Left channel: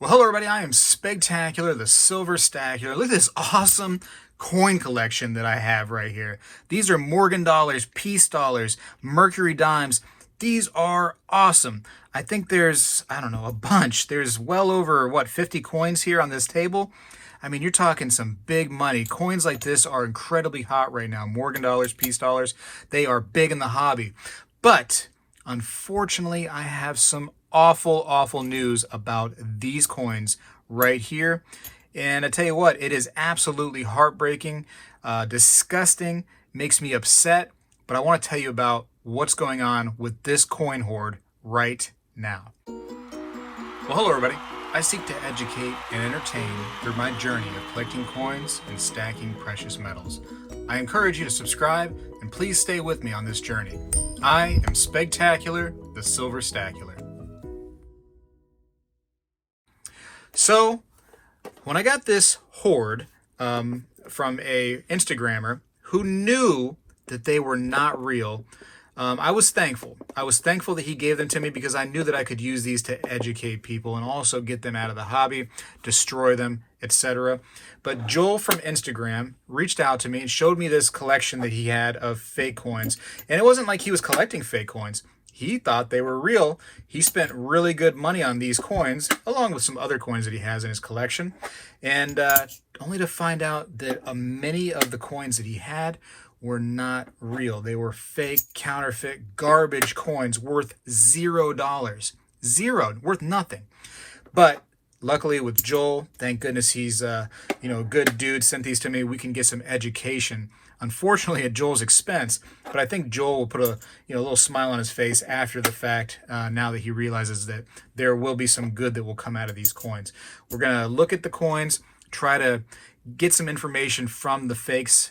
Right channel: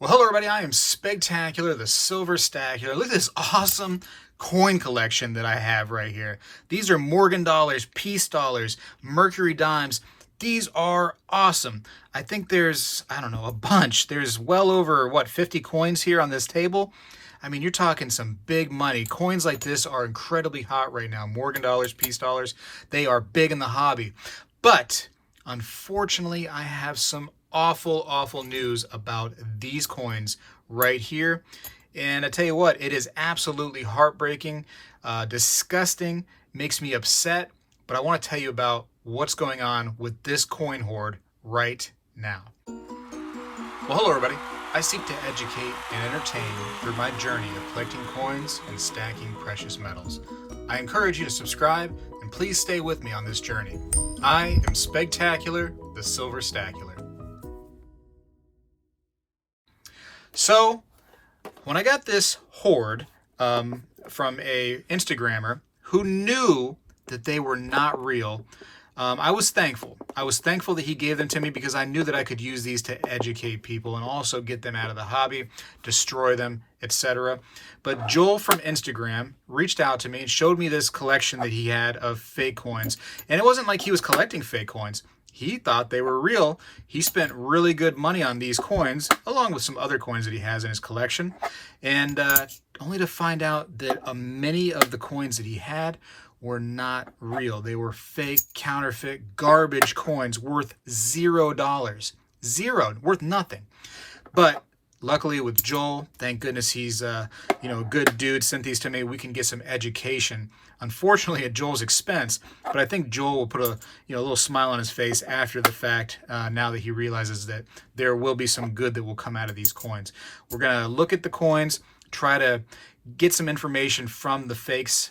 Well, hello everybody, I am Spegtacular, the Silver Stacular. Look at this awesome coin collection that I have right here. These are Morgan dollars, peace dollars, Mercury dimes. These are awesome. I think there's, I don't know, a bunch. There's well over, 50 coins here on this table. I mean, you're talking some big money. Coins like this are incredibly hot right now. Morgan dollars, peace dollars, they are big in the hobby. But unfortunately, I have some awful news about these coins right here. And I tell you what, it is absolutely heartbreaking, disgusting, makes me upset. But I want to tell you about what's going on with this coin hoard right now. Well, hello everybody. I seek to educate and entertain through my journey of collecting coins and stacking precious metals. I encourage you to subscribe and please stay with me on this journey. I am Spegtacular, the Silver Stacular. So, when I got this hoard from a Instagrammer who knew that they were not real, I was thankful. I was thankful that he gave them to me because I knew that I could use these to educate people and also get them out of the hobby, destroy them, etc. But Joel from Instagram reached out to me and showed me this collection that he had of fake coins. And it wasn't like he was collecting fake coins. He thought they were real. He spent really good money on these coins, along with some other coins that he has in his collection. And only to find out that many of the coins that he had were not real. They were fake, counterfeit, garbage coins worth $0. Zero, worth nothing. But luckily with Joel, thank goodness he's a good dude, sent these to me. We can get some education. Unfortunately, at Joel's expense, but I think Joel will put a little smile on his face after the fact now that he realizes that there will be some good that will come out of these coins. We're going to look at the coins, try to get some information from the fakes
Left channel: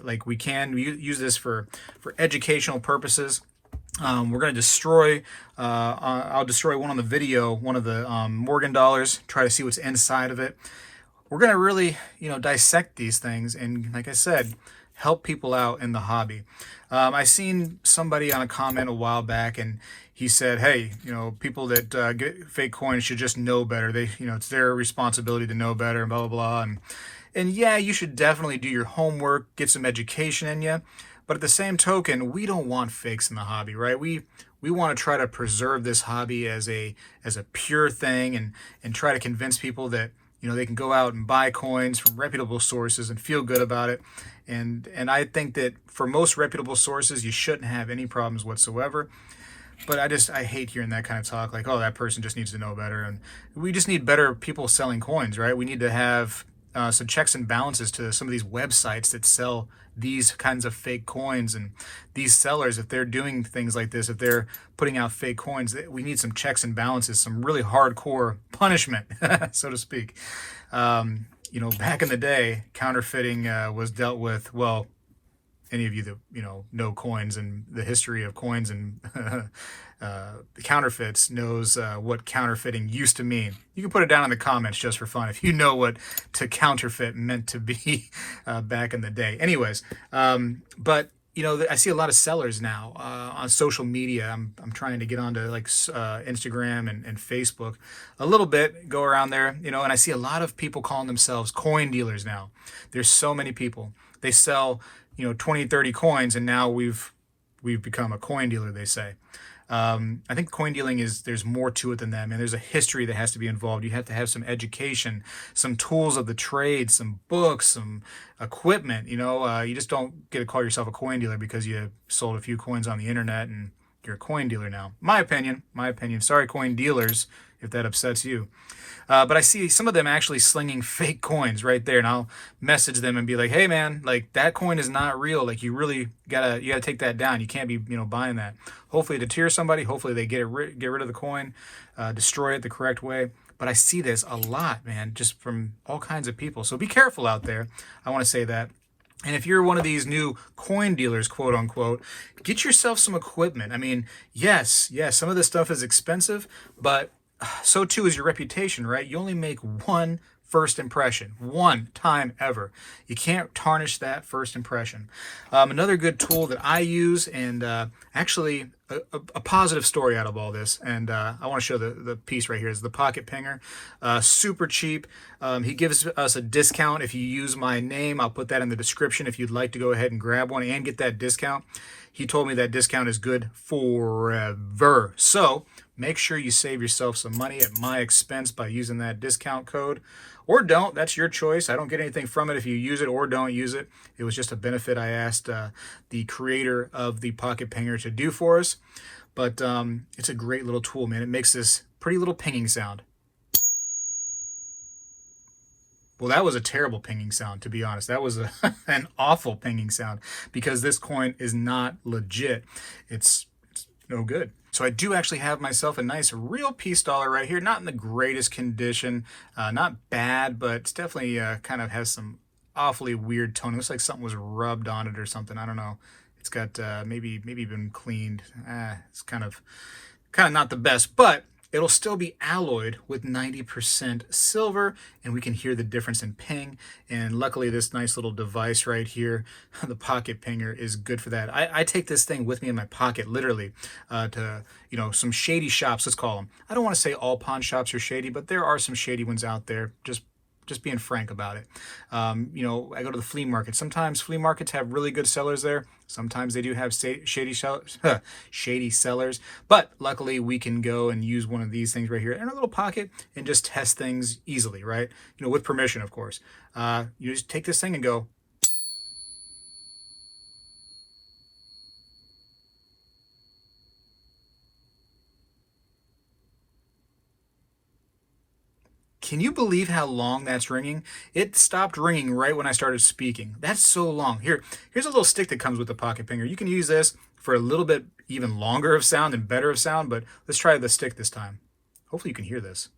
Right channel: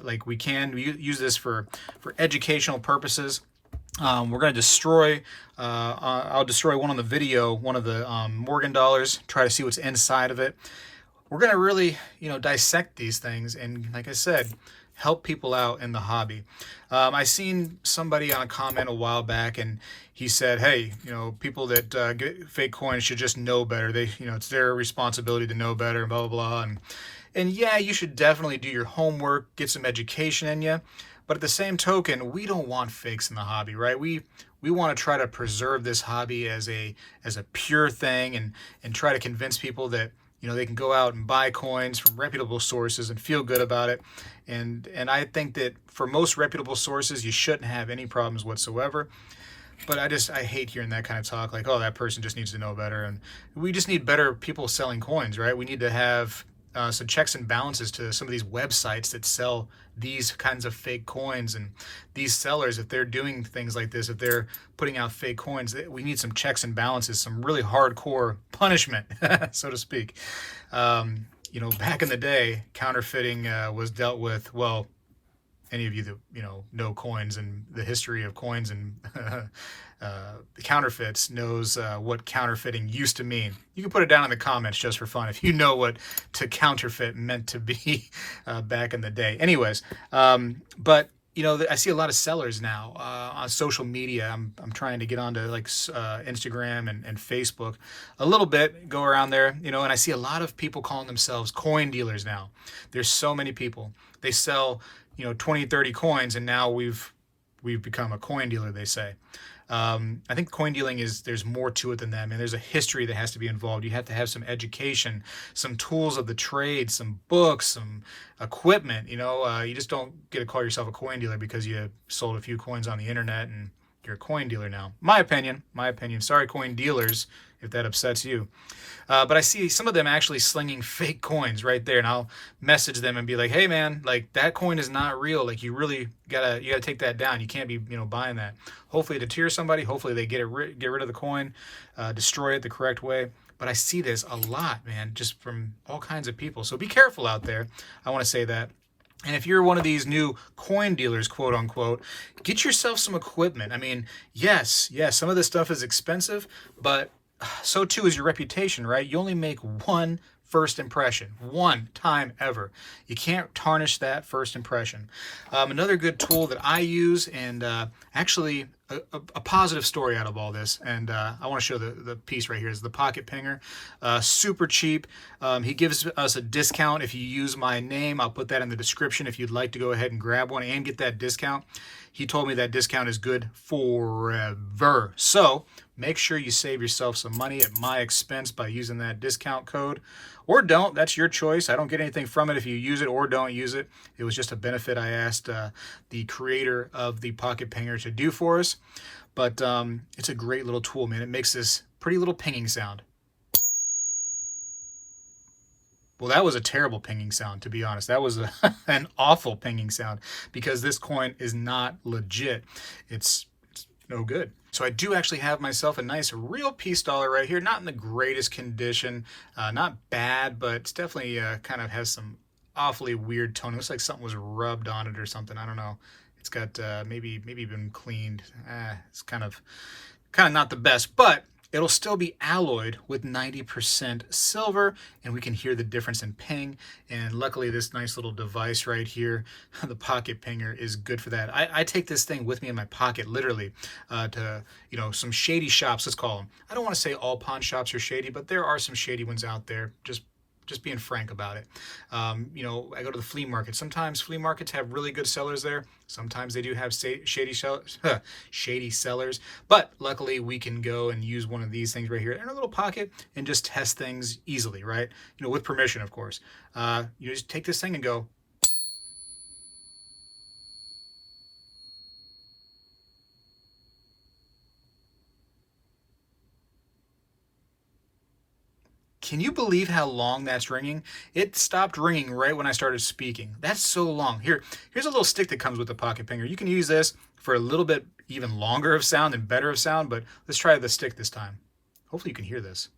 like we can. We use this for educational purposes. We're going to destroy, I'll destroy one on the video, one of the Morgan dollars, try to see what's inside of it. We're going to really, dissect these things and, like I said, help people out in the hobby. I seen somebody on a comment a while back and he said, hey, people that get fake coins should just know better. They, it's their responsibility to know better and blah, blah, blah. And yeah, you should definitely do your homework, get some education in you. But at the same token, we don't want fakes in the hobby, right? We want to try to preserve this hobby as a pure thing and try to convince people that they can go out and buy coins from reputable sources and feel good about it. And I think that for most reputable sources, you shouldn't have any problems whatsoever. But I hate hearing that kind of talk, like, oh, that person just needs to know better. And we just need better people selling coins, right? We need to have some checks and balances to some of these websites that sell these kinds of fake coins, and these sellers, if they're doing things like this, if they're putting out fake coins, we need some checks and balances, some really hardcore punishment, so to speak. Back in the day, counterfeiting was dealt with, well, any of you that know coins and the history of coins and counterfeits knows what counterfeiting used to mean. You can put it down in the comments just for fun if you know what to counterfeit meant to be back in the day. Anyways, but I see a lot of sellers now on social media. I'm trying to get onto like Instagram and Facebook a little bit, go around there, and I see a lot of people calling themselves coin dealers now. There's so many people. They sell 20, 30 coins, and now we've become a coin dealer, they say. I think coin dealing there's more to it than that, man. There's a history that has to be involved. You have to have some education, some tools of the trade, some books, some equipment. You just don't get to call yourself a coin dealer because you sold a few coins on the internet and you're a coin dealer now. My opinion. Sorry, coin dealers, if that upsets you. But I see some of them actually slinging fake coins right there, and I'll message them and be like, "Hey, man, like that coin is not real. Like you really gotta take that down. You can't be buying that. Hopefully, to deter somebody. Hopefully, they get rid of the coin, destroy it the correct way. But I see this a lot, man, just from all kinds of people. So be careful out there. I want to say that. And if you're one of these new coin dealers, quote unquote, get yourself some equipment. I mean, yes, some of this stuff is expensive, but so too is your reputation, right? You only make one first impression. One time ever. You can't tarnish that first impression. Another good tool that I use, and actually a positive story out of all this, and I want to show the piece right here, is the pocket pinger. Super cheap. He gives us a discount if you use my name. I'll put that in the description if you'd like to go ahead and grab one and get that discount. He told me that discount is good forever. So make sure you save yourself some money at my expense by using that discount code. Or don't. That's your choice. I don't get anything from it if you use it or don't use it. It was just a benefit I asked the creator of the pocket pinger to do for us. But it's a great little tool, man. It makes this pretty little pinging sound. Well, that was a terrible pinging sound, to be honest. That was an awful pinging sound because this coin is not legit. It's no good. So I do actually have myself a nice real peace dollar right here. Not in the greatest condition. Not bad, but it's definitely kind of has some awfully weird tone. It looks like something was rubbed on it or something. I don't know. It's got maybe been cleaned. It's kind of not the best, but it'll still be alloyed with 90% silver, and we can hear the difference in ping. And luckily, this nice little device right here, the pocket pinger, is good for that. I take this thing with me in my pocket, literally, to, you know, some shady shops, let's call them. I don't want to say all pawn shops are shady, but there are some shady ones out there. Just being frank about it. You know, I go to the flea market. Sometimes flea markets have really good sellers there. Sometimes they do have shady sellers. But luckily, we can go and use one of these things right here in our little pocket and just test things easily, right? You know, with permission, of course. You just take this thing and go. Can you believe how long that's ringing? It stopped ringing right when I started speaking. That's so long. Here's a little stick that comes with the pocket pinger. You can use this for a little bit even longer of sound and better of sound, but let's try the stick this time. Hopefully you can hear this.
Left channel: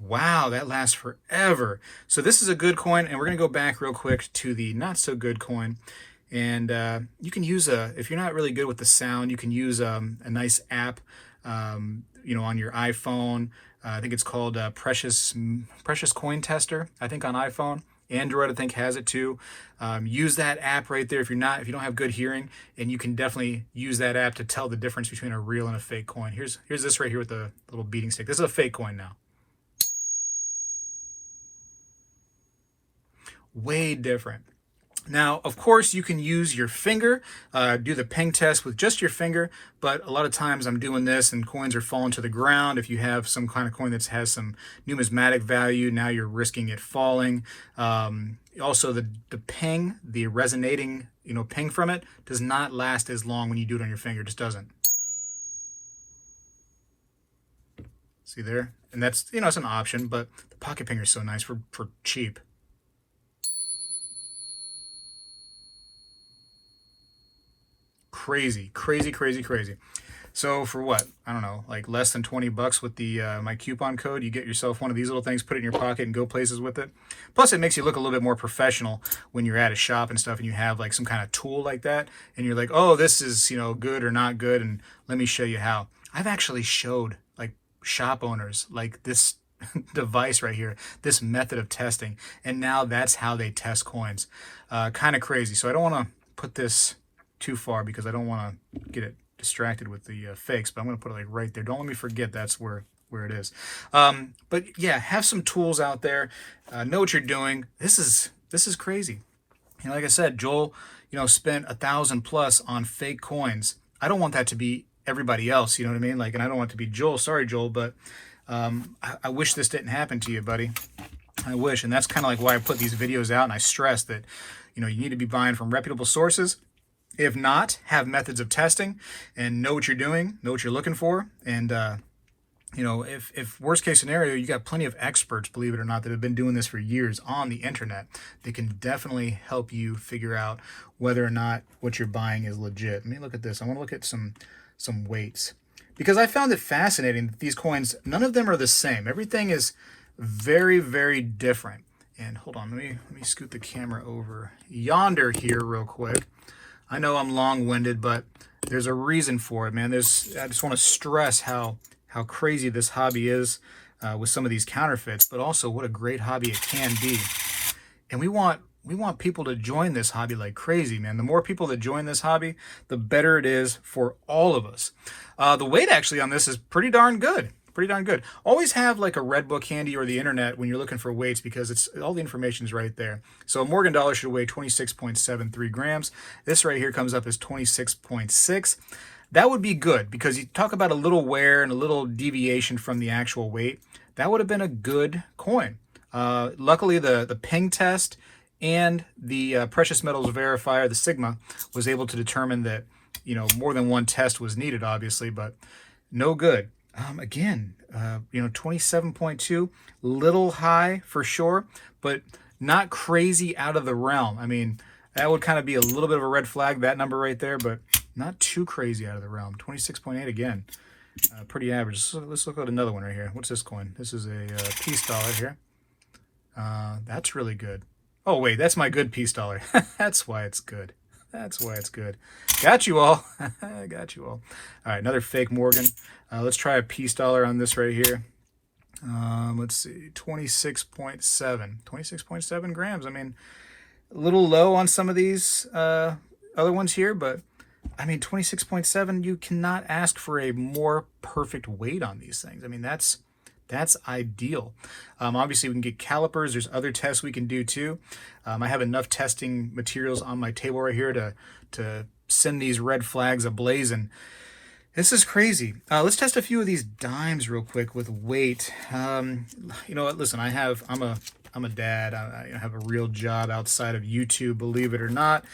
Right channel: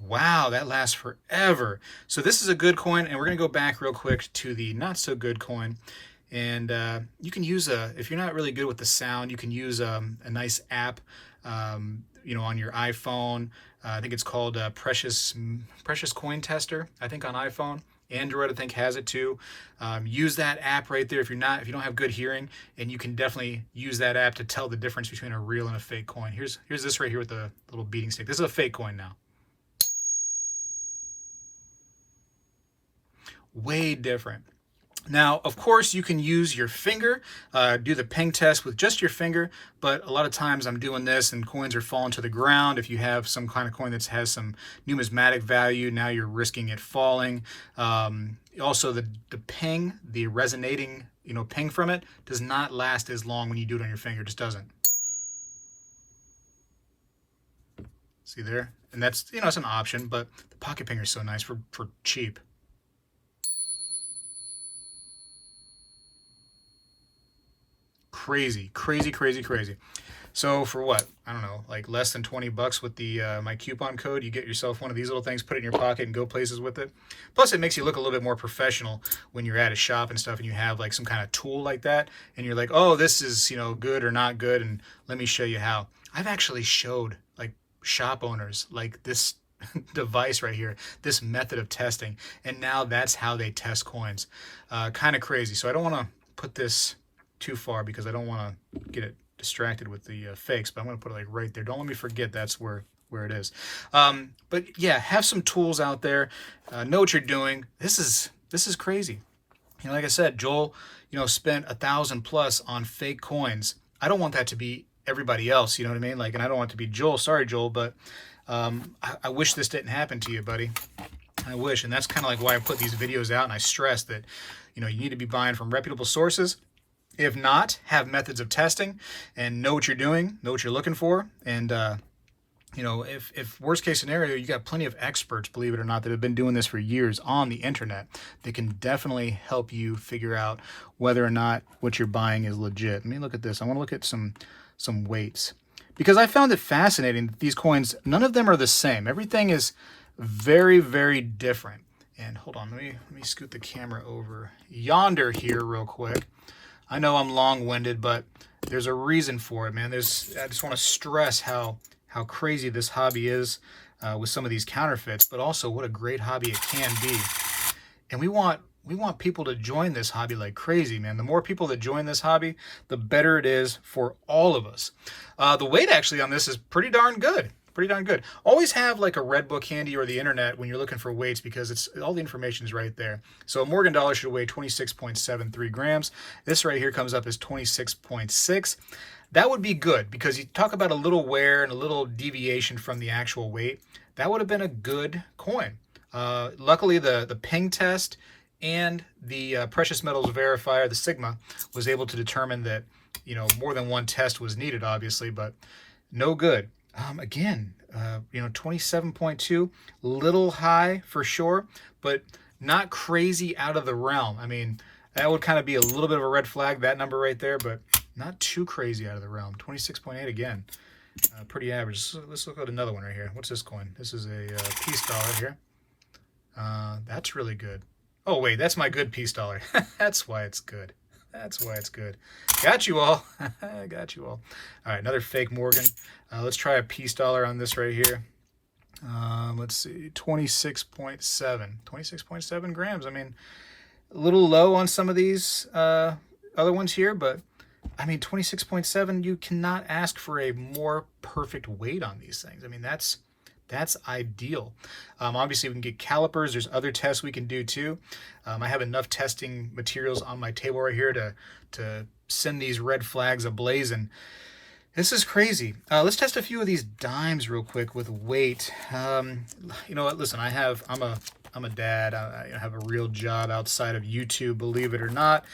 Wow, that lasts forever. So this is a good coin, and we're going to go back real quick to the not so good coin. And you can use if you're not really good with the sound, you can use a nice app, you know, on your iPhone. I think it's called Precious Coin Tester. I think on iPhone. Android, I think, has it too. Use that app right there if you don't have good hearing, and you can definitely use that app to tell the difference between a real and a fake coin. Here's this right here with the little beating stick. This is a fake coin now. Way different. Now, of course, you can use your finger, do the ping test with just your finger, but a lot of times I'm doing this and coins are falling to the ground. If you have some kind of coin that has some numismatic value, now you're risking it falling. Also, the ping, the resonating, you know, ping from it does not last as long when you do it on your finger. It just doesn't. See there? And that's, you know, it's an option, but the pocket pinger is so nice for cheap. Crazy. So for what? I don't know, like less than 20 bucks with the my coupon code, you get yourself one of these little things, put it in your pocket and go places with it. Plus it makes you look a little bit more professional when you're at a shop and stuff and you have like some kind of tool like that and you're like, oh, this is, you know, good or not good, and let me show you how. I've actually showed like shop owners like this device right here, this method of testing, and now that's how they test coins. Kind of crazy. So I don't want to put this too far because I don't want to get it distracted with the fakes, but I'm going to put it like right there. Don't let me forget that's where it is. But yeah, have some tools out there. Know what you're doing. This is crazy. You know, like I said, Joel, you know, spent $1,000+ on fake coins. I don't want that to be everybody else. You know what I mean? Like, and I don't want it to be Joel. Sorry, Joel, but I wish this didn't happen to you, buddy. I wish. And that's kind of like why I put these videos out, and I stress that, you know, you need to be buying from reputable sources. If not, have methods of testing and know what you're doing, know what you're looking for. And, you know, if worst case scenario, you got plenty of experts, believe it or not, that have been doing this for years on the internet. They can definitely help you figure out whether or not what you're buying is legit. Let me look at this. I want to look at some weights because I found it fascinating that these coins, none of them are the same. Everything is very, very different. And hold on, let me scoot the camera over yonder here real quick. I know I'm long-winded, but there's a reason for it, man. I just want to stress how crazy this hobby is with some of these counterfeits, but also what a great hobby it can be. And we want people to join this hobby like crazy, man. The more people that join this hobby, the better it is for all of us. The weight actually on this is pretty darn good. Pretty darn good. Always have like a red book handy or the internet when you're looking for weights, because it's all the information is right there. So a Morgan dollar should weigh 26.73 grams. This right here comes up as 26.6. That would be good, because you talk about a little wear and a little deviation from the actual weight. That would have been a good coin. Luckily, the ping test and the precious metals verifier, the Sigma, was able to determine that, you know, more than one test was needed, obviously, but no good. Again, you know, 27.2, little high for sure, but not crazy out of the realm. I mean, that would kind of be a little bit of a red flag, that number right there, but not too crazy out of the realm. 26.8 again, pretty average. So let's look at another one right here. What's this coin? This is a peace dollar here. That's really good. Oh, wait, that's my good peace dollar. That's why it's good. That's why it's good. Got you all. Got you all. All right, another fake Morgan. Let's try a peace dollar on this right here. Let's see, 26.7. 26.7 grams. I mean, a little low on some of these other ones here, but I mean, 26.7, you cannot ask for a more perfect weight on these things. I mean, that's ideal. Obviously, we can get calipers. There's other tests we can do too. I have enough testing materials on my table right here to send these red flags ablazing. This is crazy. Let's test a few of these dimes real quick with weight. You know what? Listen, I'm a dad. I have a real job outside of YouTube, believe it or not.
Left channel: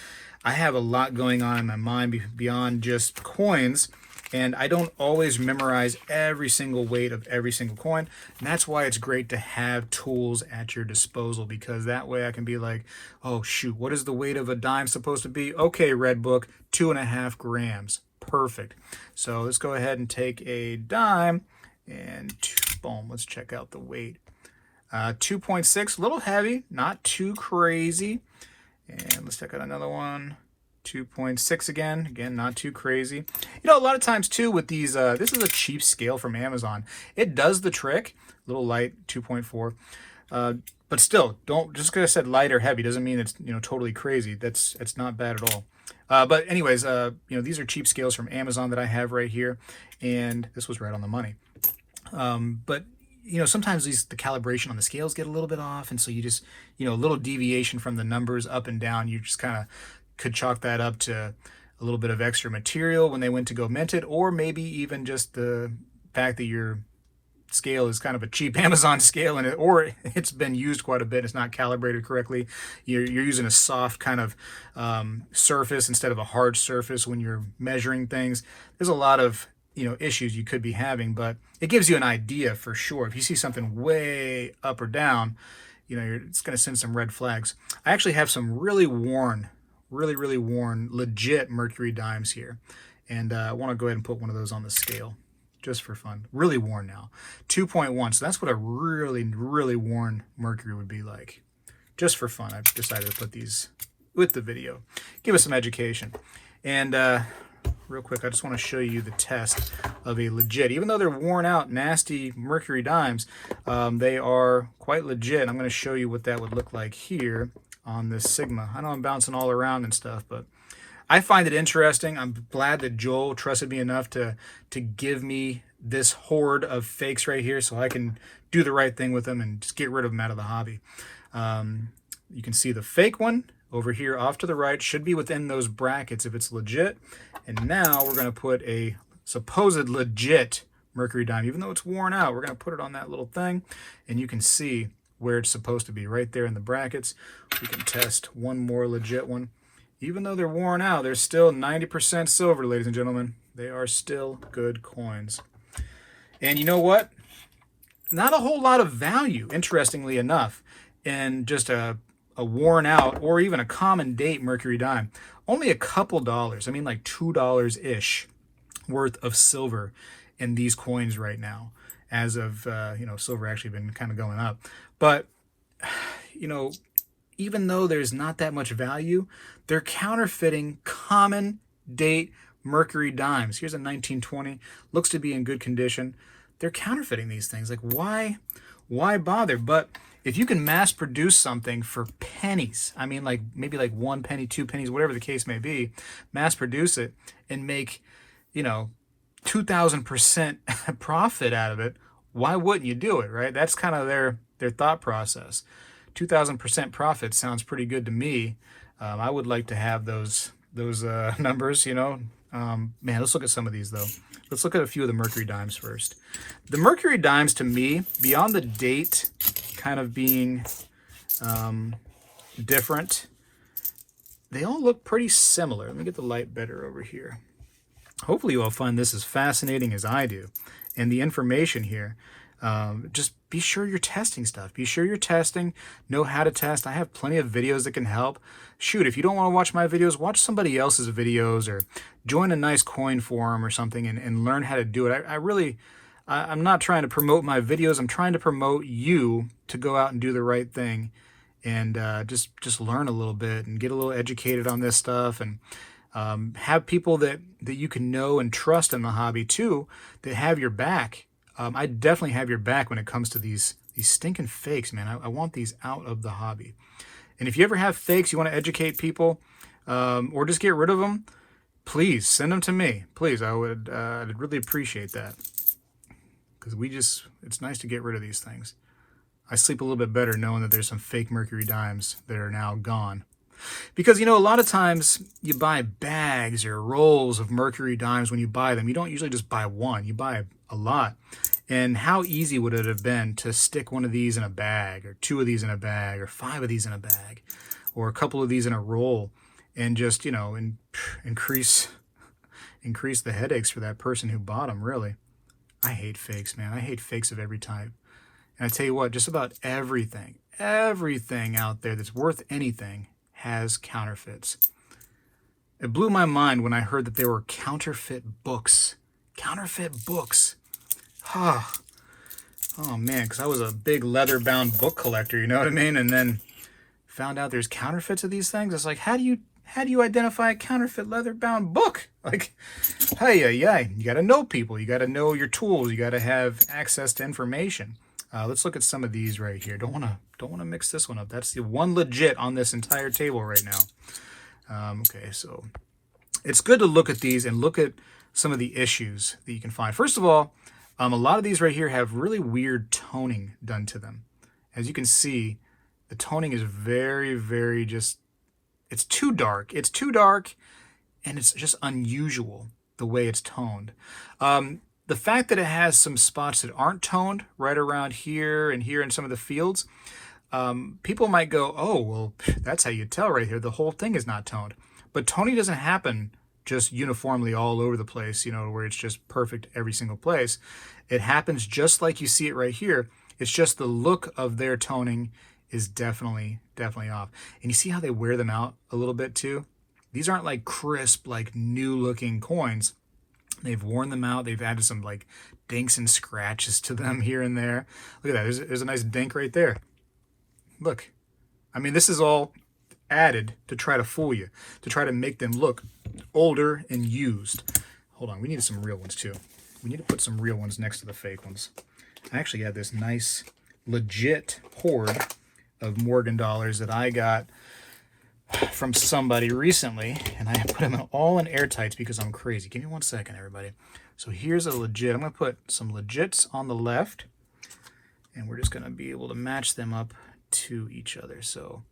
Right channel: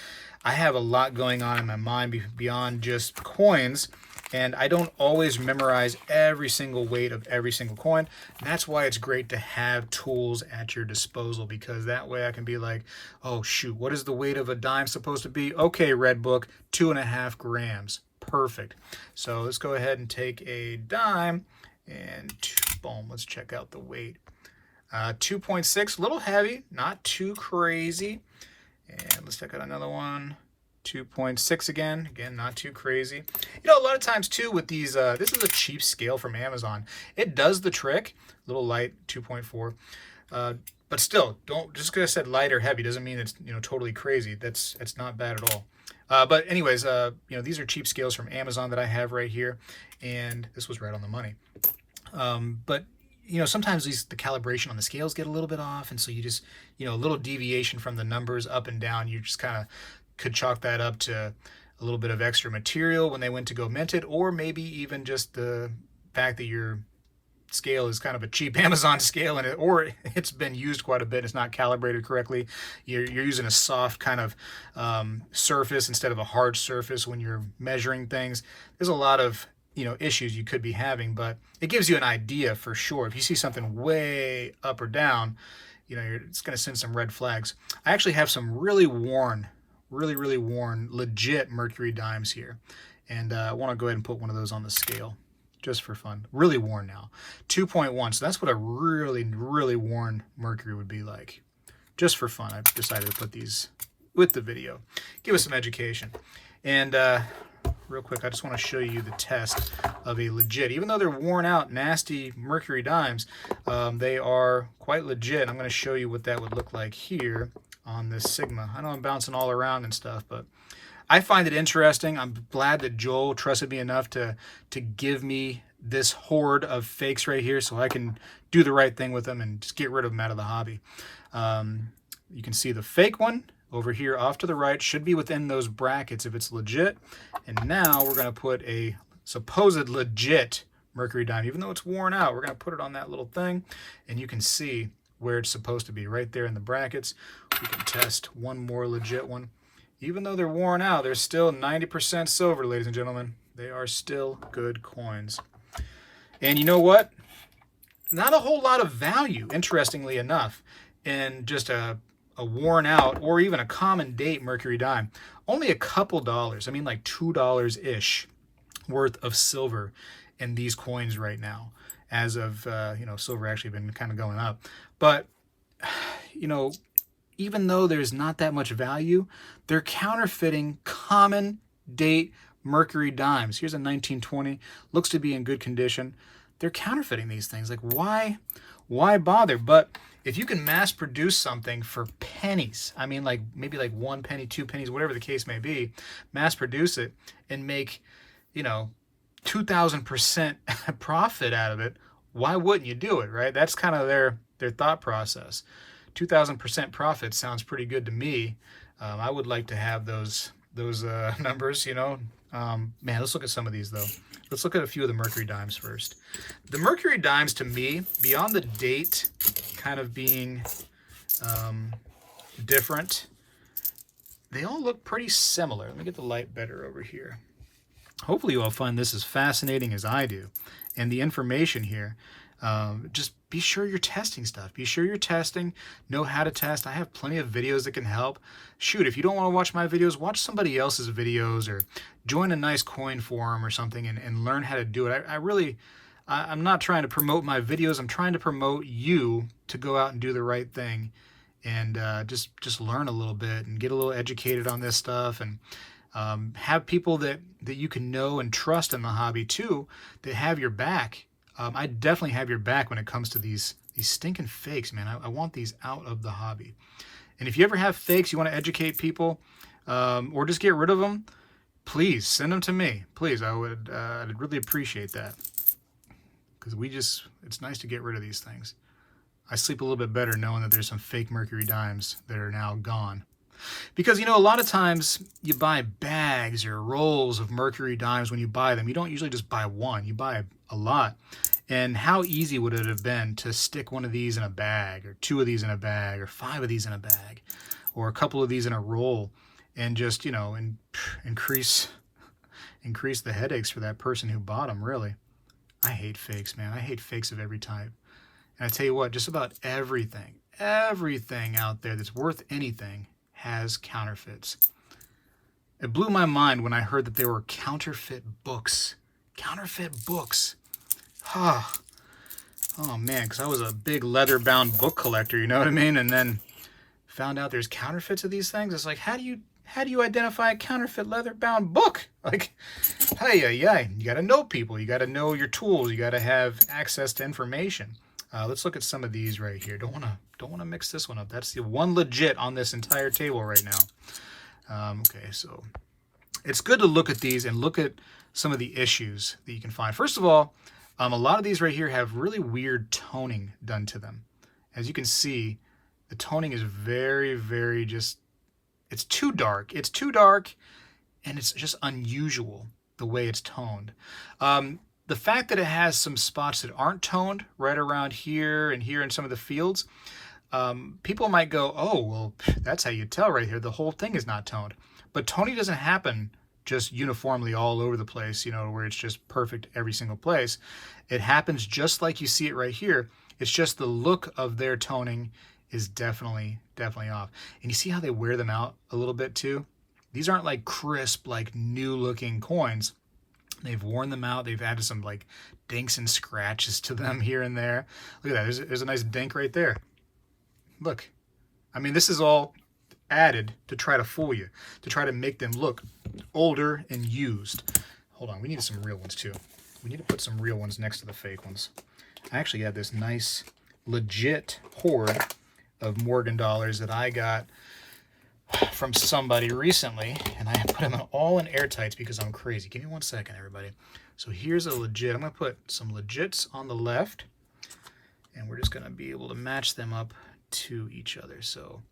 I have a lot going on in my mind beyond just coins. And I don't always memorize every single weight of every single coin. And that's why it's great to have tools at your disposal, because that way I can be like, oh, shoot, what is the weight of a dime supposed to be? Okay, Red Book, 2.5 grams. Perfect. So let's go ahead and take a dime and boom, let's check out the weight. 2.6, a little heavy, not too crazy. And let's check out another one. 2.6 again, not too crazy. You know, a lot of times too with these, this is a cheap scale from Amazon. It does the trick. A little light, 2.4. But still, don't, just because I said light or heavy doesn't mean it's, you know, totally crazy. It's not bad at all. But anyways, you know, these are cheap scales from Amazon that I have right here, and this was right on the money. But you know, sometimes the calibration on the scales get a little bit off, and so you just, you know, a little deviation from the numbers up and down, you just kind of could chalk that up to a little bit of extra material when they went to go mint it, or maybe even just the fact that your scale is kind of a cheap Amazon scale, or it's been used quite a bit, it's not calibrated correctly. You're using a soft kind of surface instead of a hard surface when you're measuring things. There's a lot of, you know, issues you could be having, but it gives you an idea for sure. If you see something way up or down, you know, it's going to send some red flags. I actually have some really worn, legit mercury dimes here, and I want to go ahead and put one of those on the scale just for fun. Really worn now, 2.1. So that's what a really worn mercury would be like. Just for fun, I decided to put these with the video, give us some education. And real quick, I just want to show you the test of a legit, even though they're worn out, nasty mercury dimes, they are quite legit. I'm going to show you what that would look like here on this Sigma. I know I'm bouncing all around and stuff, but I find it interesting. I'm glad that Joel trusted me enough to give me this horde of fakes right here so I can do the right thing with them and just get rid of them out of the hobby. You can see the fake one over here off to the right should be within those brackets if it's legit. And now we're going to put a supposed legit mercury dime. Even though it's worn out, we're going to put it on that little thing, and you can see where it's supposed to be right there in the brackets. We can test one more legit one. Even though they're worn out, they're still 90% silver, ladies and gentlemen. They are still good coins. And you know what? Not a whole lot of value, interestingly enough, in just a worn out or even a common date mercury dime. Only a couple dollars, I mean like $2-ish worth of silver in these coins right now, as of, you know, silver actually been kind of going up. But, you know, even though there's not that much value, they're counterfeiting common date mercury dimes. Here's a 1920, looks to be in good condition. They're counterfeiting these things. Like, why bother? But if you can mass produce something for pennies, I mean, like maybe like 1 penny, 2 pennies, whatever the case may be, mass produce it and make, 2,000% profit out of it, why wouldn't you do it, right? That's kind of their thought process. 2,000% profit sounds pretty good to me. I would like to have those numbers, Man, let's look at some of these, though. Let's look at a few of the mercury dimes first. The mercury dimes, to me, beyond the date kind of being different, they all look pretty similar. Let me get the light better over here. Hopefully you all find this as fascinating as I do. And the information here, just be sure you're testing stuff. Be sure you're testing, know how to test. I have plenty of videos that can help. Shoot, if you don't want to watch my videos, watch somebody else's videos or join a nice coin forum or something and learn how to do it. I'm not trying to promote my videos. I'm trying to promote you to go out and do the right thing and just learn a little bit and get a little educated on this stuff and have people that you can know and trust in the hobby too, that have your back. I definitely have your back when it comes to these stinking fakes, man. I want these out of the hobby. And if you ever have fakes, you want to educate people or just get rid of them, please send them to me. Please, I'd really appreciate that. Because it's nice to get rid of these things. I sleep a little bit better knowing that there's some fake mercury dimes that are now gone. Because, a lot of times you buy bags or rolls of mercury dimes when you buy them. You don't usually just buy one. You buy a lot. And how easy would it have been to stick one of these in a bag or 2 of these in a bag or 5 of these in a bag or a couple of these in a roll and just, increase the headaches for that person who bought them, really. I hate fakes, man. I hate fakes of every type. And I tell you what, just about everything out there that's worth anything has counterfeits. It blew my mind when I heard that there were counterfeit books. Counterfeit books. Oh man, because I was a big leather-bound book collector, you know what I mean? And then found out there's counterfeits of these things. It's like, how do you identify a counterfeit leather-bound book? Like, yeah, you got to know people. You got to know your tools. You got to have access to information. Let's look at some of these right here. Don't want to mix this one up. That's the one legit on this entire table right now. Okay, so it's good to look at these and look at some of the issues that you can find. First of all, a lot of these right here have really weird toning done to them. As you can see, the toning is very, very it's too dark. It's too dark, and it's just unusual the way it's toned. The fact that it has some spots that aren't toned right around here and here in some of the fields, people might go, oh, well, that's how you tell right here. The whole thing is not toned. But toning doesn't happen just uniformly all over the place, where it's just perfect every single place. It happens just like you see it right here. It's just the look of their toning is definitely off. And you see how they wear them out a little bit too? These aren't like crisp, like new looking coins. They've worn them out. They've added some like dinks and scratches to them here and there. Look at that. There's a nice dink right there. Look. I mean, this is all added to try to fool you, to try to make them look older and used. Hold on. We need some real ones too. We need to put some real ones next to the fake ones. I actually have this nice, legit hoard of Morgan dollars that I got from somebody recently, and I put them all in airtights because I'm crazy. Give me 1 second, everybody. So here's a legit. I'm going to put some legits on the left, and we're just going to be able to match them up to each other. So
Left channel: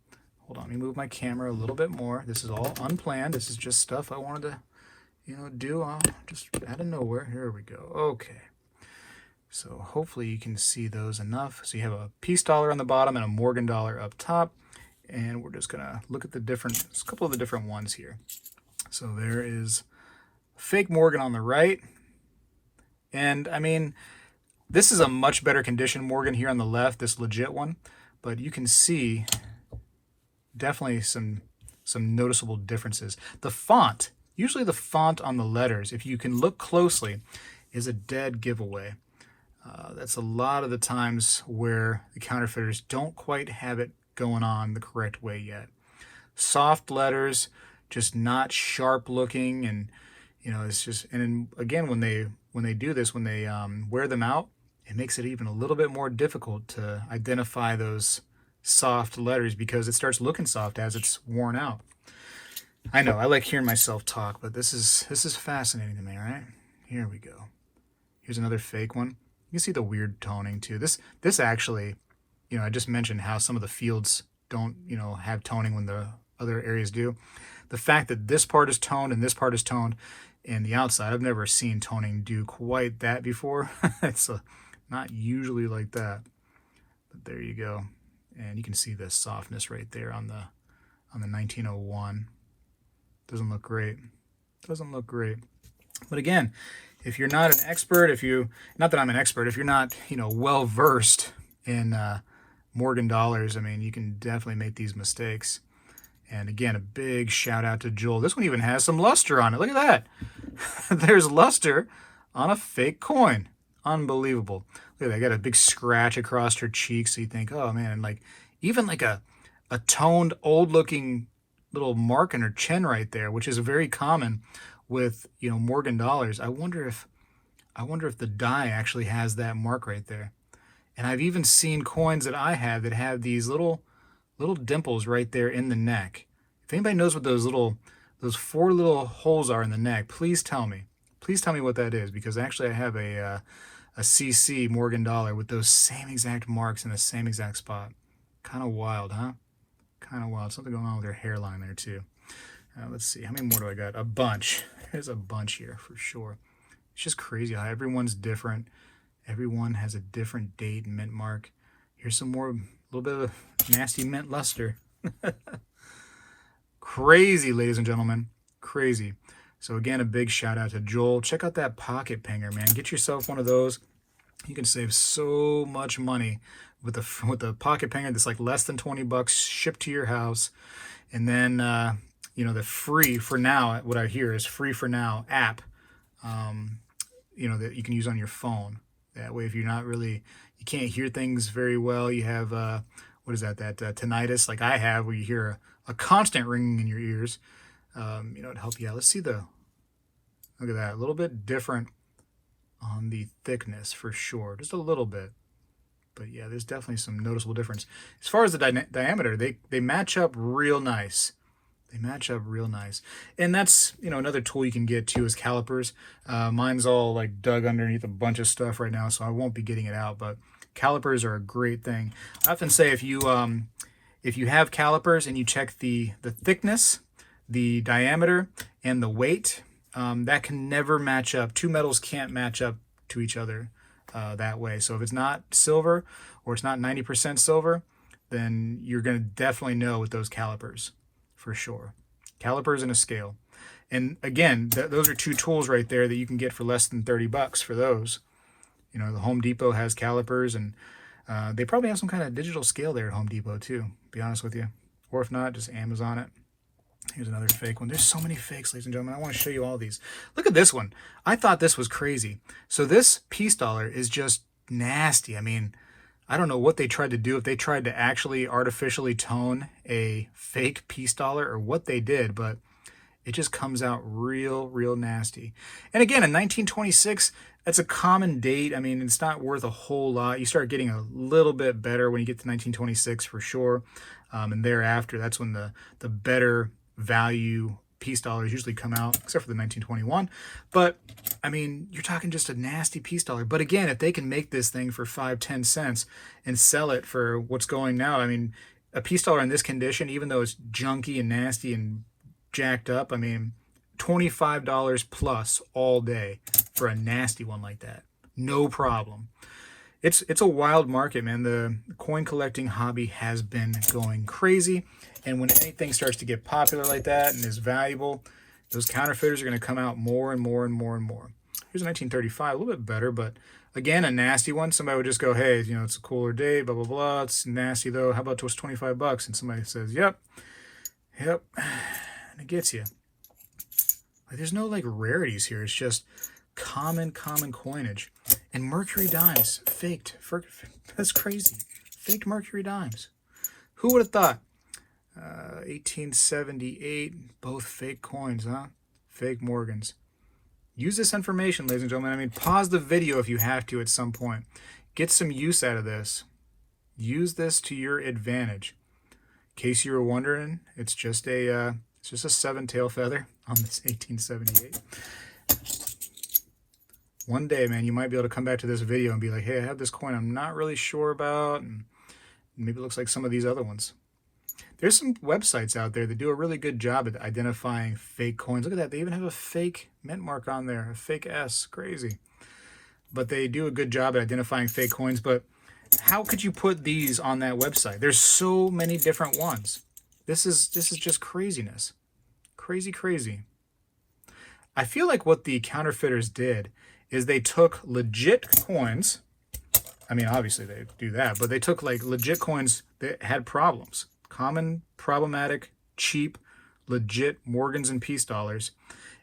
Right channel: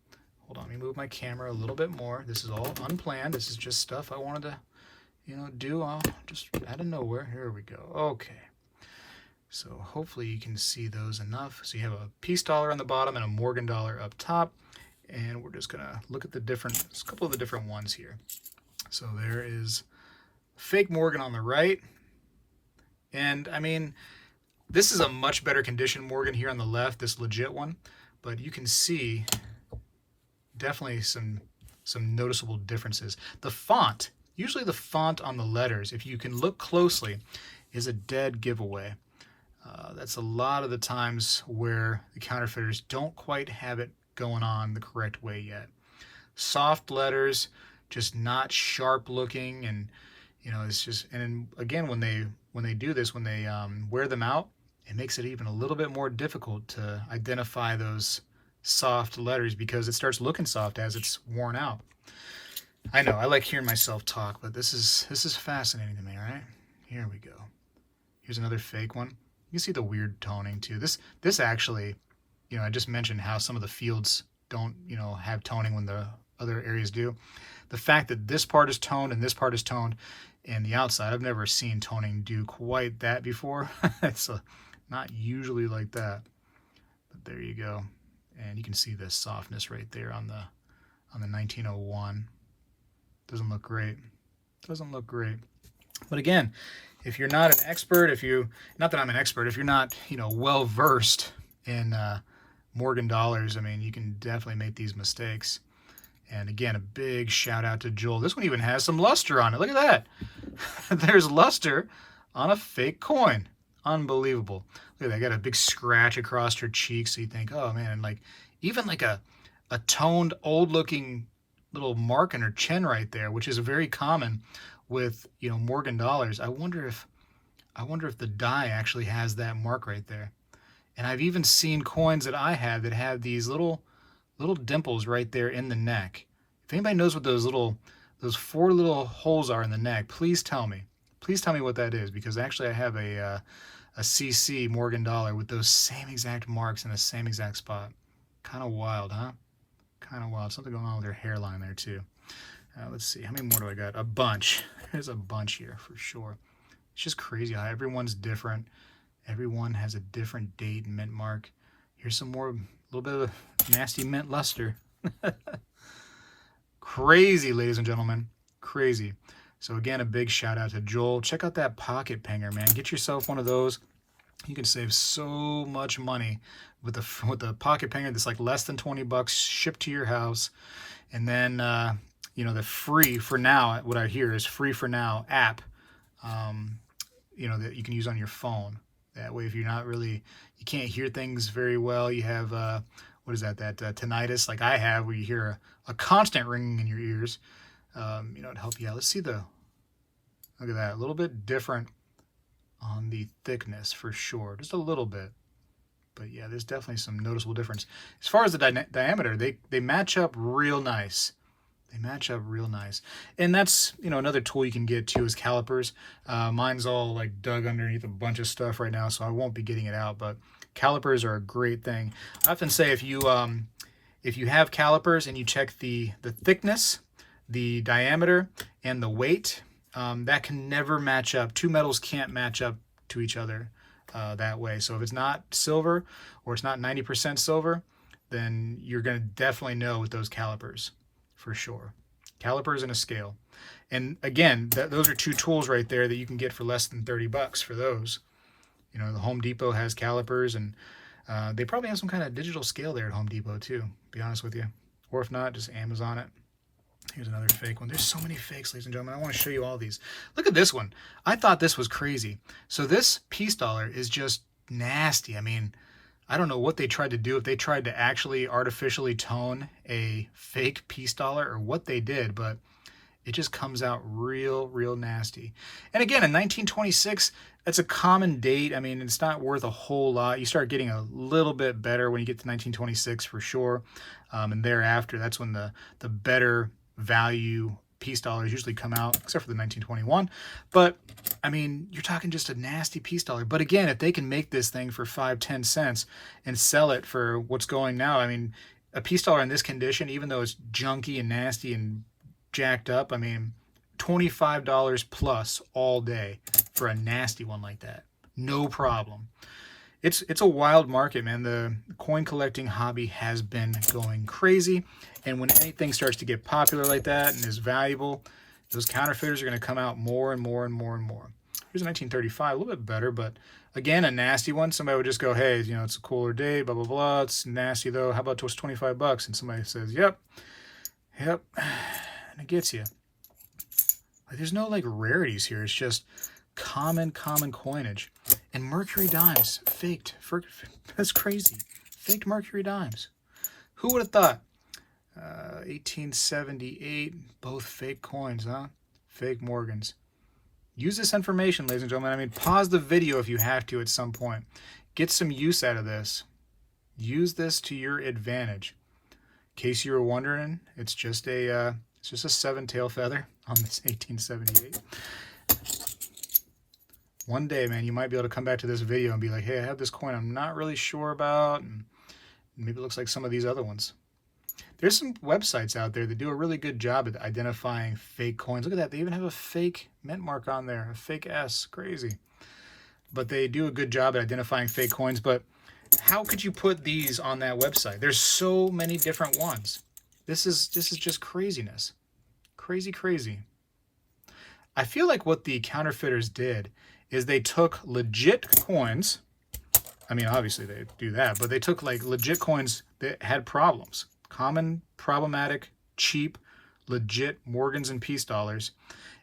hold on, let me move my camera a little bit more. This is all unplanned. This is just stuff I wanted to, do just out of nowhere. Here we go. Okay. So hopefully you can see those enough. So you have a peace dollar on the bottom and a Morgan dollar up top. And we're just going to look at a couple of the different ones here. So there is fake Morgan on the right. And I mean, this is a much better condition Morgan here on the left, this legit one. But you can see definitely some noticeable differences. The font, usually the font on the letters, if you can look closely, is a dead giveaway. That's a lot of the times where the counterfeiters don't quite have it going on the correct way yet. Soft letters, just not sharp looking, and you know, it's just, and then, again, when they do this, when they wear them out, it makes it even a little bit more difficult to identify those soft letters because it starts looking soft as it's worn out. I know, I like hearing myself talk, but this is fascinating to me, right? Here we go. Here's another fake one. You can see the weird toning too. This actually, you know, I just mentioned how some of the fields don't, you know, have toning when the other areas do. The fact that this part is toned and this part is toned, and the outside, I've never seen toning do quite that before. It's not usually like that, but there you go. And you can see the softness right there on the 1901. Doesn't look great. Doesn't look great. But again, if you're not an expert, not that I'm an expert, if you're not, you know, well versed in Morgan dollars, I mean, you can definitely make these mistakes. And again, a big shout out to Joel. This one even has some luster on it. Look at that. There's luster on a fake coin. Unbelievable. Look at that. I got a big scratch across her cheek. So you think, oh man, and like even like a toned, old looking little mark in her chin right there, which is very common with, you know, Morgan dollars. I wonder if the die actually has that mark right there. And I've even seen coins that I have that have these little dimples right there in the neck. If anybody knows what those 4 little holes are in the neck, please tell me. Please tell me what that is, because actually I have a CC Morgan dollar with those same exact marks in the same exact spot. Kind of wild, huh? Kind of wild. Something going on with her hairline there too. Let's see. How many more do I got? A bunch. There's a bunch here for sure. It's just crazy how everyone's different. Everyone has a different date and mint mark. Here's some more, a little bit of nasty mint luster. Crazy, ladies and gentlemen. Crazy. So again, a big shout out to Joel. Check out that pocket panger, man. Get yourself one of those. You can save so much money with the pocket panger that's like less than 20 bucks shipped to your house. And then, you know, the free for now, what I hear is free for now app, you know, that you can use on your phone. That way, if you're not really, you can't hear things very well, you have, what is that tinnitus like I have, where you hear a constant ringing in your ears, you know, to help you out. Let's see look at that, a little bit different on the thickness for sure, just a little bit. But yeah, there's definitely some noticeable difference. As far as the diameter, they match up real nice. They match up real nice. And that's, you know, another tool you can get too is calipers. Mine's all like dug underneath a bunch of stuff right now, so I won't be getting it out, but calipers are a great thing. I often say if you have calipers and you check the thickness, the diameter, and the weight, that can never match up. Two metals can't match up to each other that way. So if it's not silver or it's not 90% silver, then you're going to definitely know with those calipers. For sure. Calipers and a scale. And again, those are two tools right there that you can get for less than 30 bucks for those. You know, the Home Depot has calipers, and they probably have some kind of digital scale there at Home Depot too, to be honest with you. Or if not, just Amazon it. Here's another fake one. There's so many fakes, ladies and gentlemen. I want to show you all these. Look at this one. I thought this was crazy. So this piece dollar is just nasty. I mean, I don't know what they tried to do, if they tried to actually artificially tone a fake piece dollar or what they did, but it just comes out real nasty. And again, in 1926, that's a common date. I mean, it's not worth a whole lot. You start getting a little bit better when you get to 1926 for sure. And thereafter, that's when the better value piece dollars usually come out, except for the 1921. But I mean, you're talking just a nasty piece dollar. But again, if they can make this thing for 5-10 cents and sell it for what's going now, I mean, a piece dollar in this condition, even though it's junky and nasty and jacked up, I mean, $25 plus all day for a nasty one like that. No problem. It's a wild market, man. The coin collecting hobby has been going crazy. And when anything starts to get popular like that and is valuable, those counterfeiters are going to come out more and more. Here's a 1935, a little bit better, but again, a nasty one. Somebody would just go, hey, you know, it's a cooler day, blah, blah, blah. It's nasty though. How about just 25 bucks? And somebody says, yep. And it gets you. Like, there's no like rarities here. It's just common coinage. And mercury dimes, faked. That's crazy. Faked mercury dimes. Who would have thought? 1878, both fake coins, huh? Fake Morgans. Use this information, ladies and gentlemen. I mean, pause the video if you have to at some point. Get some use out of this. Use this to your advantage. In case you were wondering, it's just a 7-tail feather on this 1878. One day, man, you might be able to come back to this video and be like, hey, I have this coin I'm not really sure about, and maybe it looks like some of these other ones. There's some websites out there that do a really good job at identifying fake coins. Look at that. They even have a fake mint mark on there, a fake S. Crazy. But they do a good job at identifying fake coins. But how could you put these on that website? There's so many different ones. This is just craziness. Crazy, crazy. I feel like what the counterfeiters did is they took legit coins. I mean, obviously they do that, but they took like legit coins that had problems. Common, problematic, cheap, legit Morgans and peace dollars,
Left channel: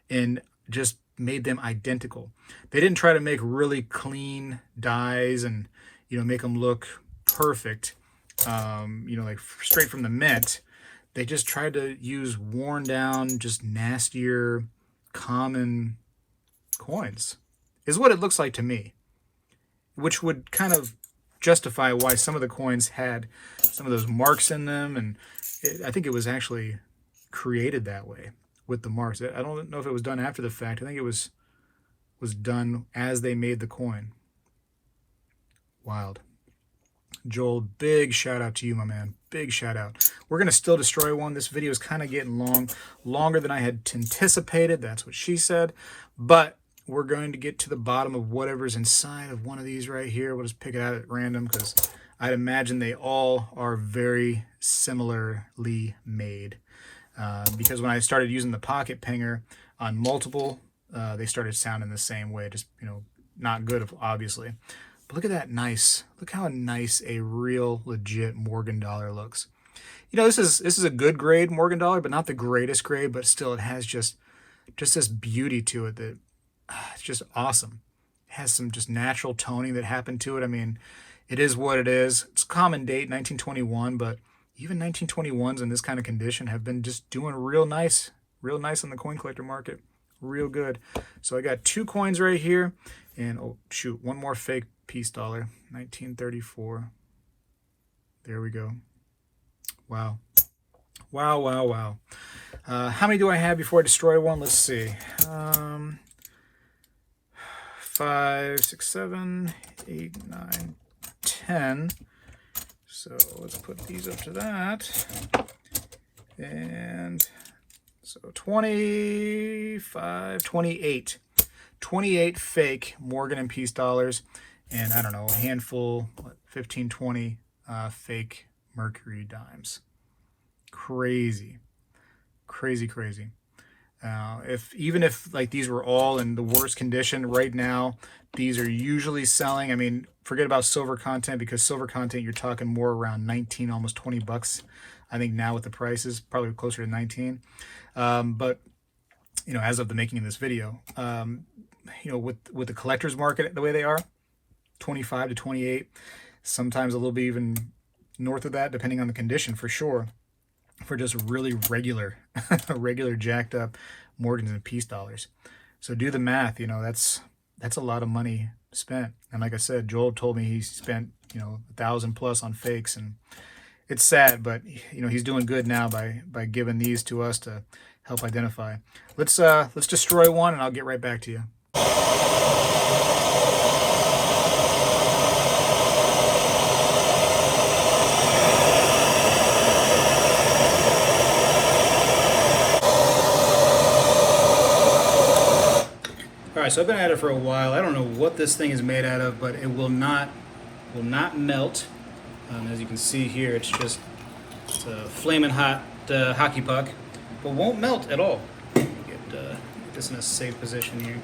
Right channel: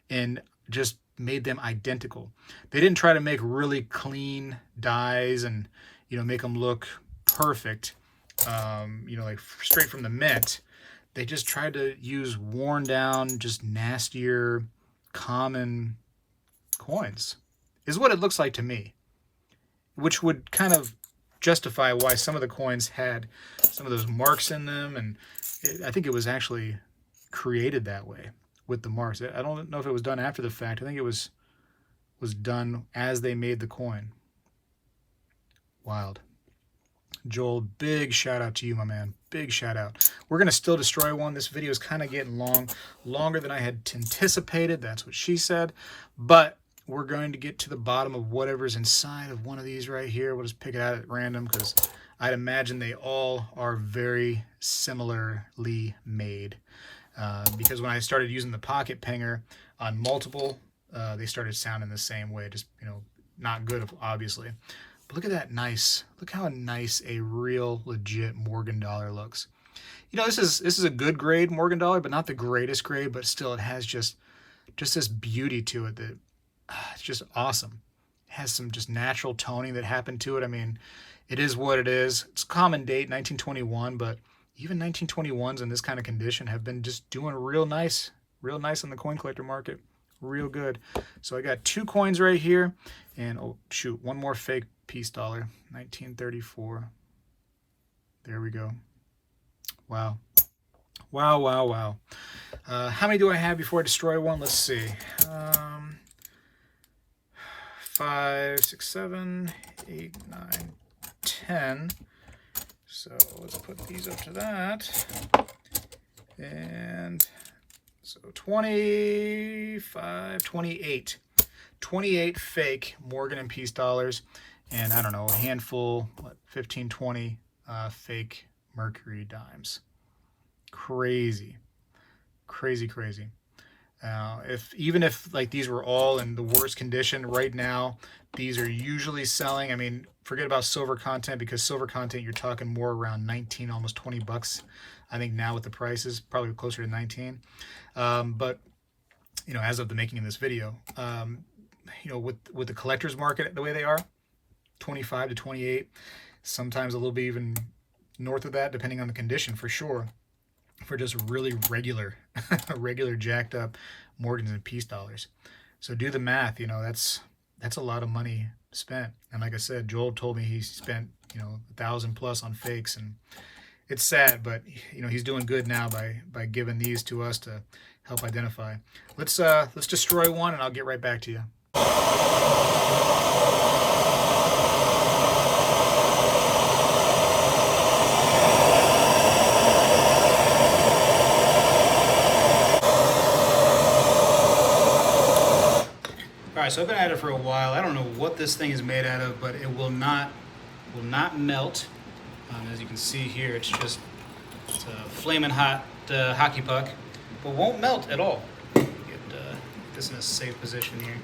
and just made them identical. They didn't try to make really clean dies and, you know, make them look perfect, you know, like straight from the mint. They just tried to use worn down, just nastier, common coins, is what it looks like to me, which would kind of justify why some of the coins had some of those marks in them, and I think it was actually created that way with the marks. I don't know if it was done after the fact. I think it was done as they made the coin. Wild. Joel, big shout out to you, my man. Big shout out. We're going to still destroy one. This video is kind of getting longer than I had anticipated. That's what she said. But we're going to get to the bottom of whatever's inside of one of these right here. We'll just pick it out at random because I'd imagine they all are very similarly made. Because when I started using the pocket pinger on multiple, they started sounding the same way. Just, you know, not good, obviously. But look at that nice. Look how nice a real, legit Morgan dollar looks. You know, this is a good grade Morgan dollar, but not the greatest grade. But still, it has just this beauty to it that it's just awesome. It has some just natural toning that happened to it. I mean, it is what it is. It's common date, 1921, but even 1921s in this kind of condition have been just doing real nice on the coin collector market. Real good. So I got 2 coins right here, and oh shoot, one more fake peace dollar, 1934. There we go. Wow. Wow, wow, wow. How many do I have before I destroy one? Let's see. 5, 6, 7, 8, 9, 10. So let's put these up to that. And so 25, 28. 28 fake Morgan and peace dollars. And I don't know, a handful, 15, 20 fake Mercury dimes. Crazy. Crazy, crazy. Even if like these were all in the worst condition right now, these are usually selling. I mean, forget about silver content, because silver content you're talking more around 19, almost 20 bucks. I think now with the prices, probably closer to 19. But you know, as of the making of this video, you know, with the collector's market the way they are, 25 to 28, sometimes a little bit even north of that, depending on the condition for sure. For just really regular jacked up Morgans and peace dollars. So do the math, you know, that's a lot of money spent. And like I said, Joel told me he spent, you know, 1,000 plus on fakes, and it's sad, but you know, he's doing good now by giving these to us to help identify. Let's destroy one, and I'll get right back to you. Alright, so I've been at it for a while. I don't know what this thing is made out of, but it will not melt. As you can see here, it's a flaming hot hockey puck, but won't melt at all. Get this in a safe position here.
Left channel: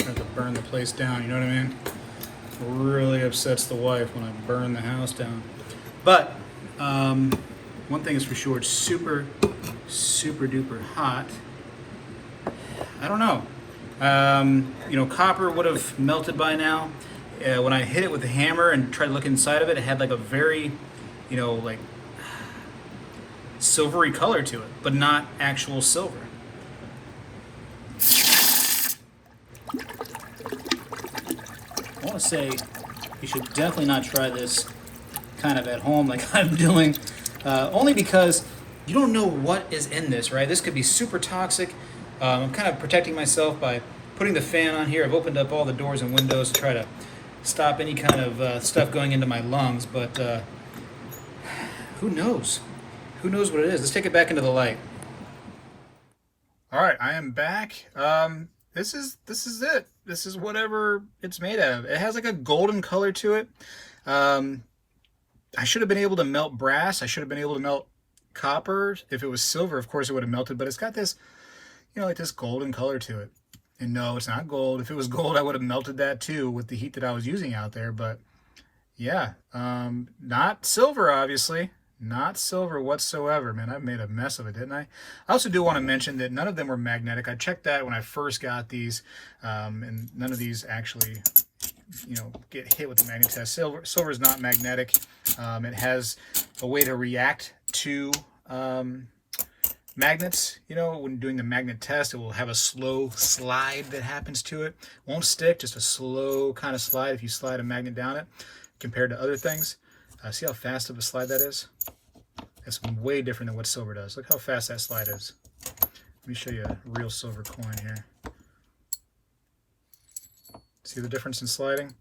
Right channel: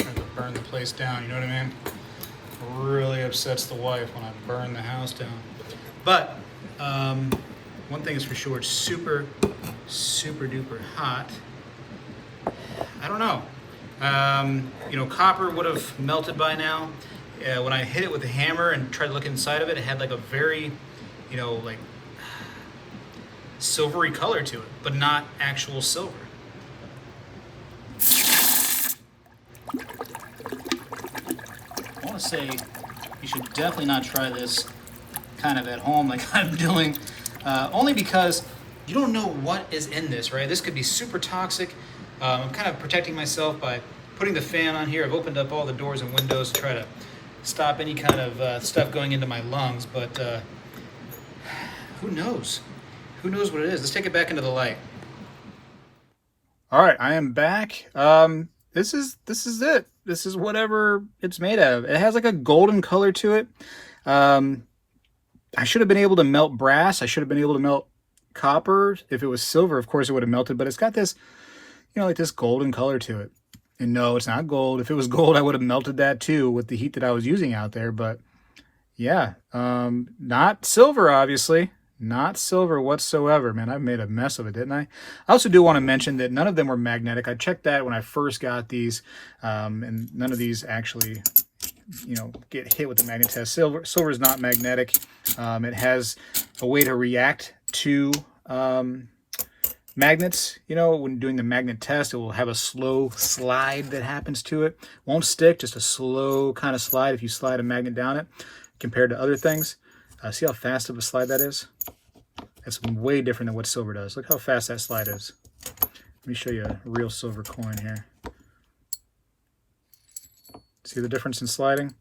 Try to burn the place down, you know what I mean? It really upsets the wife when I burn the house down. But one thing is for sure, it's super duper hot. I don't know. You know, copper would have melted by now. When I hit it with the hammer and tried to look inside of it, it had like a very you know, like silvery color to it, but not actual silver. I want to say you should definitely not try this kind of at home like I'm doing, only because you don't know what is in this, right? This could be super toxic. I'm kind of protecting myself by putting the fan on here. I've opened up all the doors and windows to try to stop any kind of stuff going into my lungs, but who knows? Who knows what it is? Let's take it back into the light. All right, I am back. This is it. This is whatever it's made out of. It has like a golden color to it. I should have been able to melt brass. I should have been able to melt copper. If it was silver, of course it would have melted, but it's got this, you know, like this golden color to it. And no, it's not gold. If it was gold, I would have melted that too with the heat that I was using out there. But yeah, not silver, obviously. Not silver whatsoever. Man, I made a mess of it, didn't I? I also do want to mention that none of them were magnetic. I checked that when I first got these, and none of these actually, you know, get hit with the magnet test. Silver is not magnetic. It has a way to react to magnets. You know, when doing the magnet test, it will have a slow slide that happens to it. Won't stick, just a slow kind of slide if you slide a magnet down it compared to other things. See how fast of a slide that is? That's way different than what silver does. Look how fast that slide is. Let me show you a real silver coin here. See the difference in sliding?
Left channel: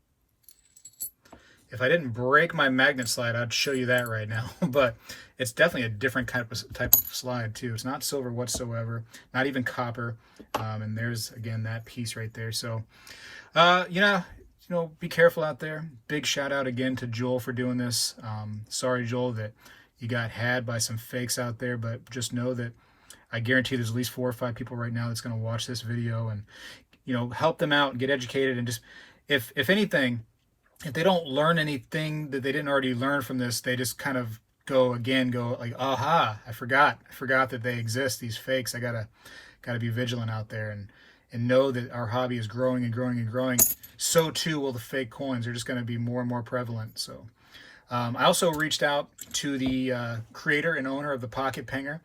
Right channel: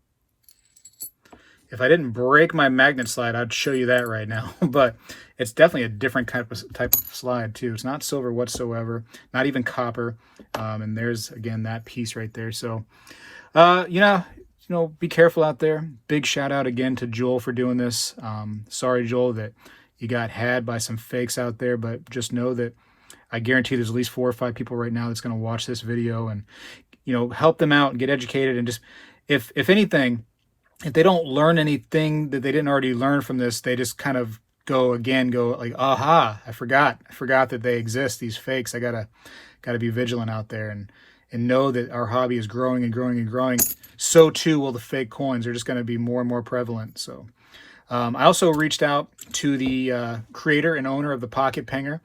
If I didn't break my magnet slide, I'd show you that right now. But it's definitely a different type of slide too. It's not silver whatsoever, not even copper. And there's, again, that piece right there. So, you know, be careful out there. Big shout out again to Joel for doing this. Sorry, Joel, that you got had by some fakes out there, but just know that I guarantee there's at least 4 or 5 people right now that's going to watch this video and, you know, help them out and get educated. And just, if anything, if they don't learn anything that they didn't already learn from this, they just kind of go like, aha, I forgot that they exist, these fakes. I gotta be vigilant out there and know that our hobby is growing and growing and growing. So too will the fake coins. They're just going to be more and more prevalent. So I also reached out to the creator and owner of the Pocket Penger,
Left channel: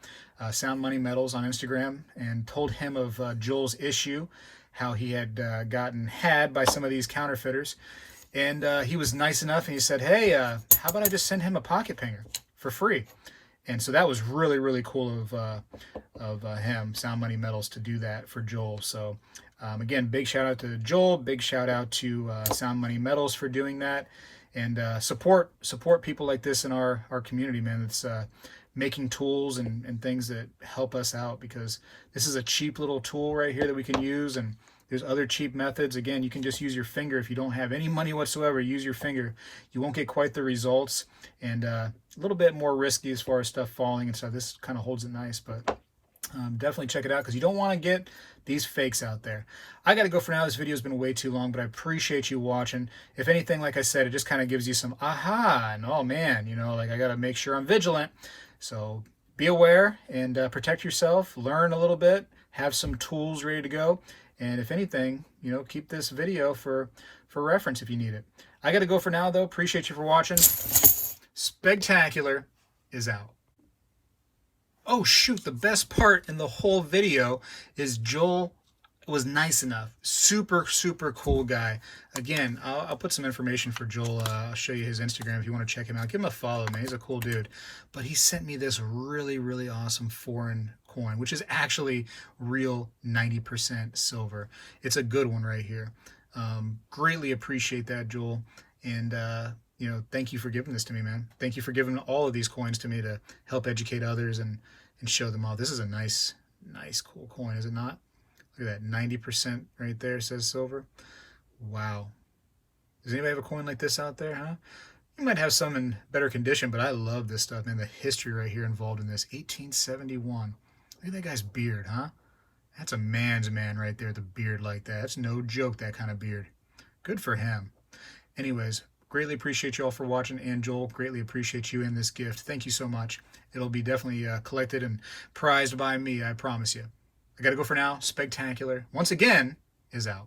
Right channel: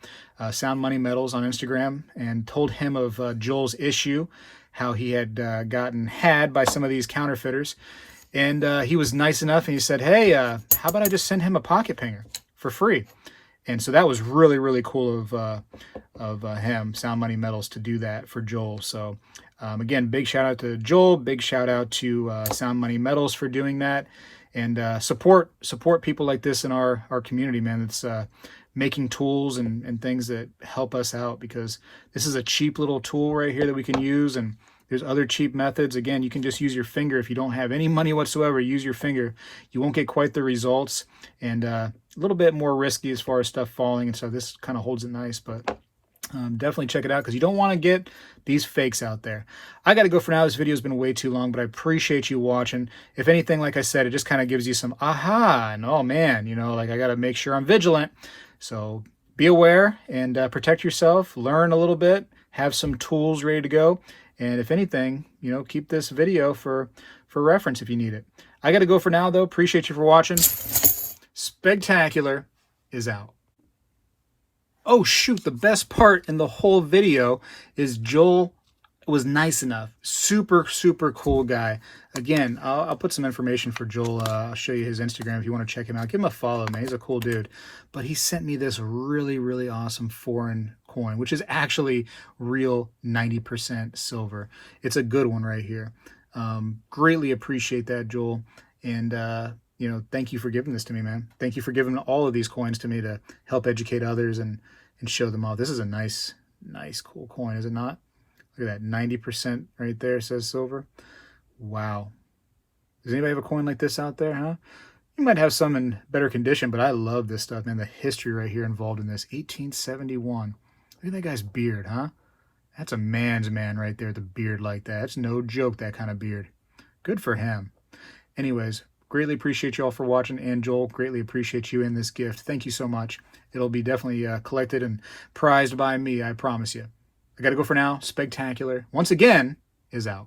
Sound Money Metals on Instagram, and told him of Joel's issue, how he had gotten had by some of these counterfeiters. And he was nice enough and he said, hey, how about I just send him a Pocket Penger for free? And so that was really, really cool of him, Sound Money Metals, to do that for Joel. So again, big shout out to Joel, big shout out to Sound Money Metals for doing that. And support people like this in our community, man. That's making tools and things that help us out, because this is a cheap little tool right here that we can use. And there's other cheap methods. Again, you can just use your finger. If you don't have any money whatsoever, use your finger. You won't get quite the results, and a little bit more risky as far as stuff falling. And so this kind of holds it nice, but definitely check it out, because you don't want to get these fakes out there. I got to go for now. This video has been way too long, but I appreciate you watching. If anything, like I said, it just kind of gives you some aha, and oh man, you know, like I got to make sure I'm vigilant. So be aware and protect yourself, learn a little bit, have some tools ready to go. And if anything, you know, keep this video for reference if you need it. I got to go for now, though. Appreciate you for watching. Spegtacular is out. Oh, shoot. The best part in the whole video is Joel was nice enough. Super, super cool guy. Again, I'll put some information for Joel. I'll show you his Instagram if you want to check him out. Give him a follow, man. He's a cool dude. But he sent me this really, really awesome foreign coin, which is actually real 90% silver. It's a good one right here. Greatly appreciate that, Joel. And, you know, thank you for giving this to me, man. Thank you for giving all of these coins to me to help educate others and show them all. This is a nice, cool coin, is it not? Look at that, 90% right there says silver. Wow. Does anybody have a coin like this out there, huh? You might have some in better condition, but I love this stuff, man. The history right here involved in this. 1871. Look at that guy's beard, huh? That's a man's man right there, the beard like that. That's no joke, that kind of beard. Good for him. Anyways, greatly appreciate you all for watching, and Joel, greatly appreciate you in this gift. Thank you so much. It'll be definitely collected and prized by me, I promise you. I got to go for now. Spegtacular, once again, is out.